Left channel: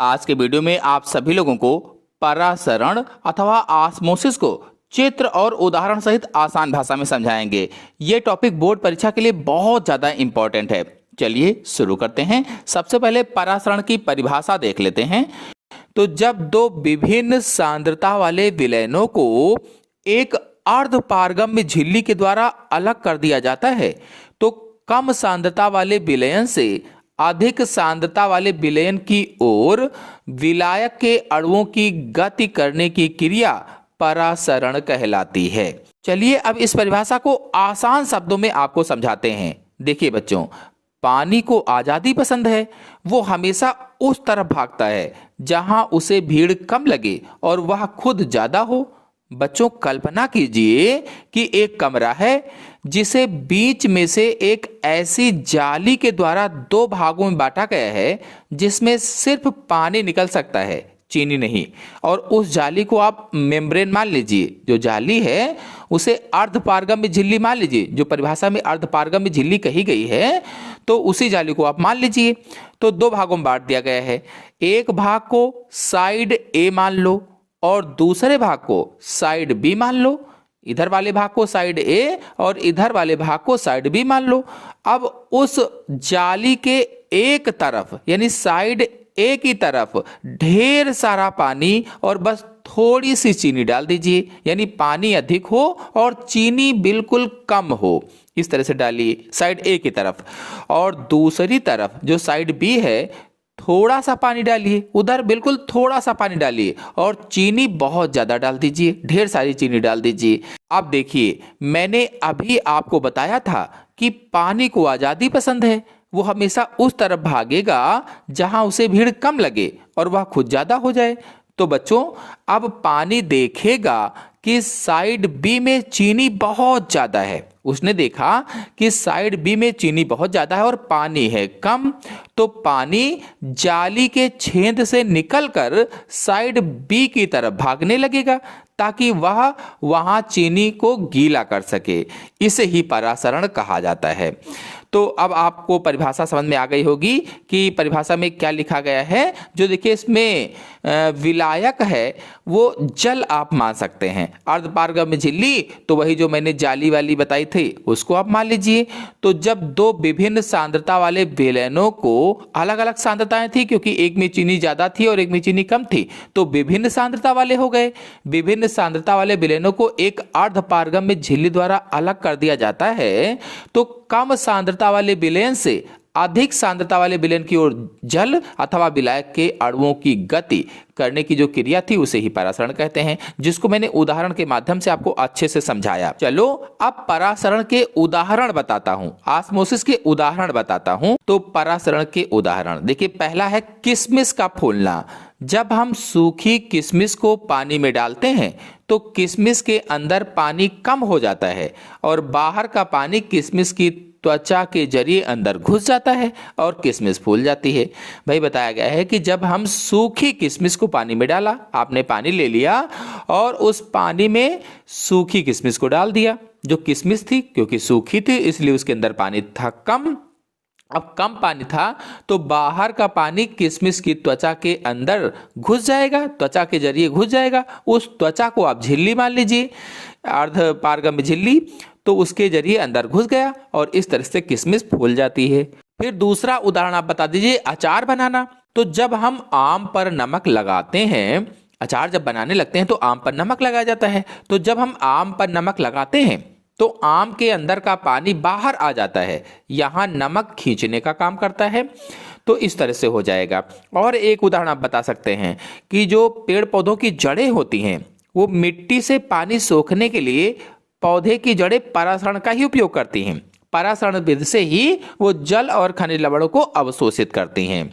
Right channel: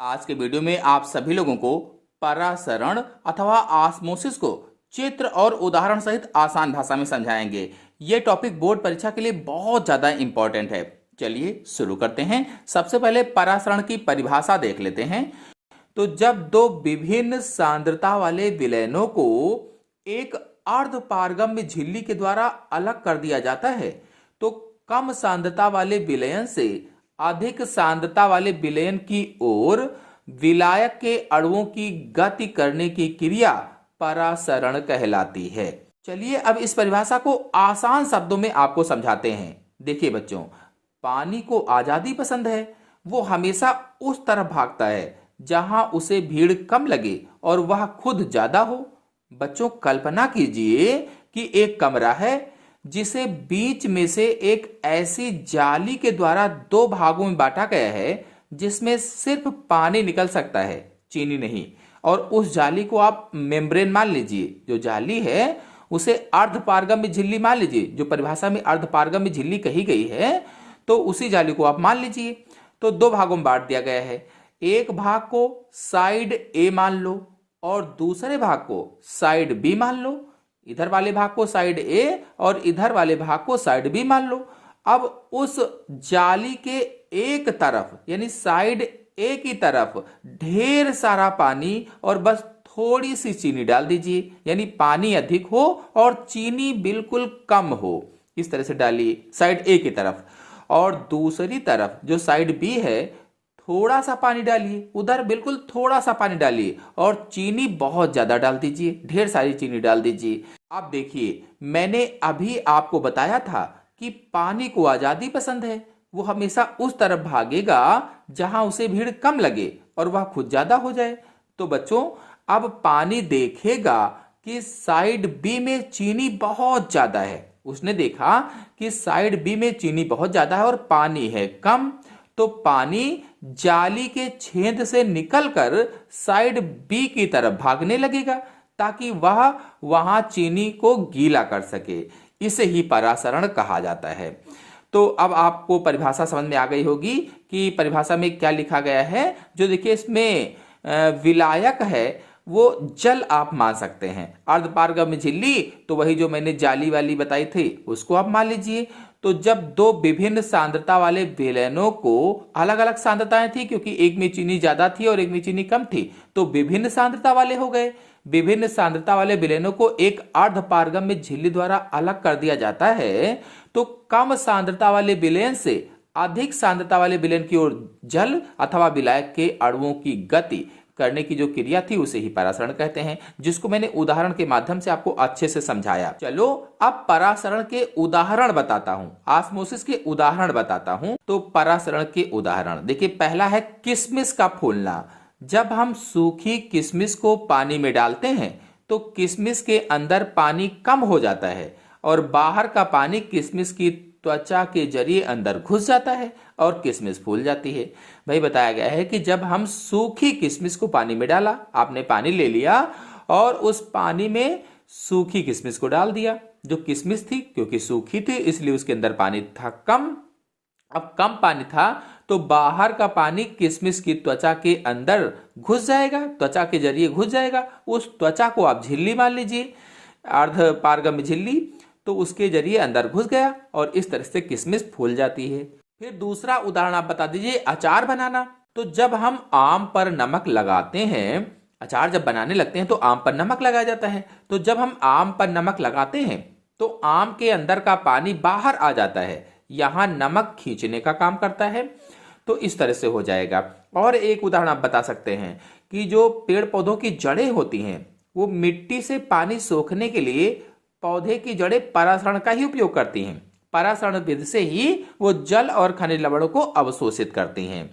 आज के वीडियो में आप सभी लोगों को परासरण अथवा ऑस्मोसिस को चित्र और उदाहरण सहित आसान भाषा में समझाएंगे। ये टॉपिक बोर्ड परीक्षा के लिए बहुत ज़्यादा इम्पोर्टेंट है। चलिए शुरू करते हैं। सबसे पहले परासरण की परिभाषा देख लेते हैं। तो जब दो विभिन्न सांद्रता वाले विलयनों को एक अर्धपारगम्य झिल्ली के द्वारा अलग कर दिया जाता है तो कम सांद्रता वाले विलयन से अधिक सांद्रता वाले विलयन की ओर विलायक के अणुओं की गति करने की क्रिया परासरण कहलाती है। चलिए अब इस परिभाषा को आसान शब्दों में आपको समझाते हैं। देखिए बच्चों, पानी को आजादी पसंद है। वो हमेशा उस तरफ भागता है जहां उसे भीड़ कम लगे और वह खुद ज्यादा हो। बच्चों, कल्पना कीजिए कि एक कमरा है जिसे बीच में से एक ऐसी जाली के द्वारा दो भागों में बांटा गया है जिसमें सिर्फ पानी निकल सकता है, चीनी नहीं। और उस जाली को आप मेम्ब्रेन मान लीजिए। जो जाली है उसे अर्धपारगम्य झिल्ली मान लीजिए। जो परिभाषा में अर्धपारगम्य झिल्ली कही गई है तो उसी जाली को आप मान लीजिए। तो दो भागों में बांट दिया गया है। एक भाग को साइड ए मान लो और दूसरे भाग को साइड बी मान लो। इधर वाले भाग को साइड ए और इधर वाले भाग को साइड बी मान लो। अब उस जाली के एक तरफ यानी साइड ए की तरफ ढेर सारा पानी और बस थोड़ी सी चीनी डाल दीजिए, यानी पानी अधिक हो और चीनी बिल्कुल कम हो। इस तरह से डालिए साइड ए की तरफ। और दूसरी तरफ जो साइड बी है थोड़ा सा पानी डालिए, उधर बिल्कुल थोड़ा सा पानी डालिए और चीनी बहुत ज्यादा डाल दीजिए, ढेर सारी चीनी डाल दीजिए। आप देखिए, मैंने अभी आपको बताया था कि पानी को आजादी पसंद है। वो हमेशा उस तरफ भागेगा जहां उसे भीड़ कम लगे और वह खुद ज्यादा हो जाए। तो बच्चों, अब पानी देखेगा कि साइड बी में चीनी बहुत ज्यादा है। उसने देखा कि साइड बी में चीनी बहुत ज्यादा है और पानी है कम। तो पानी जाली के छेद से निकलकर साइड बी की तरफ भागने लगेगा ताकि वह वहां चीनी को गीला कर सके। इसे ही परासरण कहा जाता है। तो अब आपको परिभाषा समझ में आ गई होगी कि परिभाषा में क्या लिखा गया है। जो देखिए इसमें विलायक है वो जल आप मान सकते हैं। अर्धपारगम्य झिल्ली तो वही जो मैंने जाली वाली बताई थी उसको आप मान लीजिए। तो जब दो विभिन्न सांद्रता वाले विलयनों को, अलग अलग सांद्रताएं थी क्योंकि एक में चीनी ज्यादा थी और एक में चीनी कम थी, तो विभिन्न सांद्रता वाले हो गए। विभिन्न सांद्रता वाले विलयनों को एक अर्धपारगम्य झिल्ली द्वारा अलग कर दिया जाता है तो कम सांद्रता वाले विलयन से अधिक सांद्रता वाले विलयन की ओर जल अथवा विलायक के अणुओं की गति करने की जो क्रिया थी उसे ही परासरण कहते हैं, जिसको मैंने उदाहरण के माध्यम से आपको अच्छे से समझाया। चलो अब परासरण के उदाहरण बताता हूं, ऑस्मोसिस के उदाहरण बताता हूं। तो परासरण के उदाहरण देखिए, पहला है किशमिश का फूलना। जब हम सूखी किशमिश को पानी में डालते हैं तो किशमिश के अंदर पानी कम हो जाता है और बाहर का पानी किशमिश की त्वचा के जरिए अंदर घुस जाता है और किशमिश फूल जाती है। भाई बताया गया है कि जब हम सूखी किशमिश को पानी में डाला, आपने पानी ले लिया और उस पानी में सूखी किशमिश को डाल दिया। जो किशमिश थी क्योंकि सूखी थी इसलिए उसके अंदर पानी था कम। अब कम पानी था तो बाहर का पानी किशमिश की त्वचा के अंदर घुस जाएगा, त्वचा के जरिए घुस जाएगा। उस त्वचा को आप झिल्ली मान लीजिए, अर्धपारगम्य झिल्ली, तो उसके जरिए अंदर घुस गया और इस तरह से किशमिश फूल जाती है। फिर दूसरा उदाहरण आप बता दीजिए, अचार बनाना। तो जब हम आम पर नमक लगाते हैं, अचार जब बनाने लगते हैं तो आम पर नमक लगाया जाता है। तो जब हम आम पर नमक लगाते हैं तो आम के अंदर का पानी बाहर आ जाता है, यहां नमक खींचने का काम करता है। तो इस तरह से हो जाएगा। और एक उदाहरण आप बता सकते हैं कि जो पेड़ पौधों की जड़ें होती हैं वो मिट्टी से पानी सोखने के लिए पौधे की जड़ें परासरण का ही उपयोग करती हैं। परासरण विधि से ही वो जल और खनिज लवणों को अवशोषित करती हैं।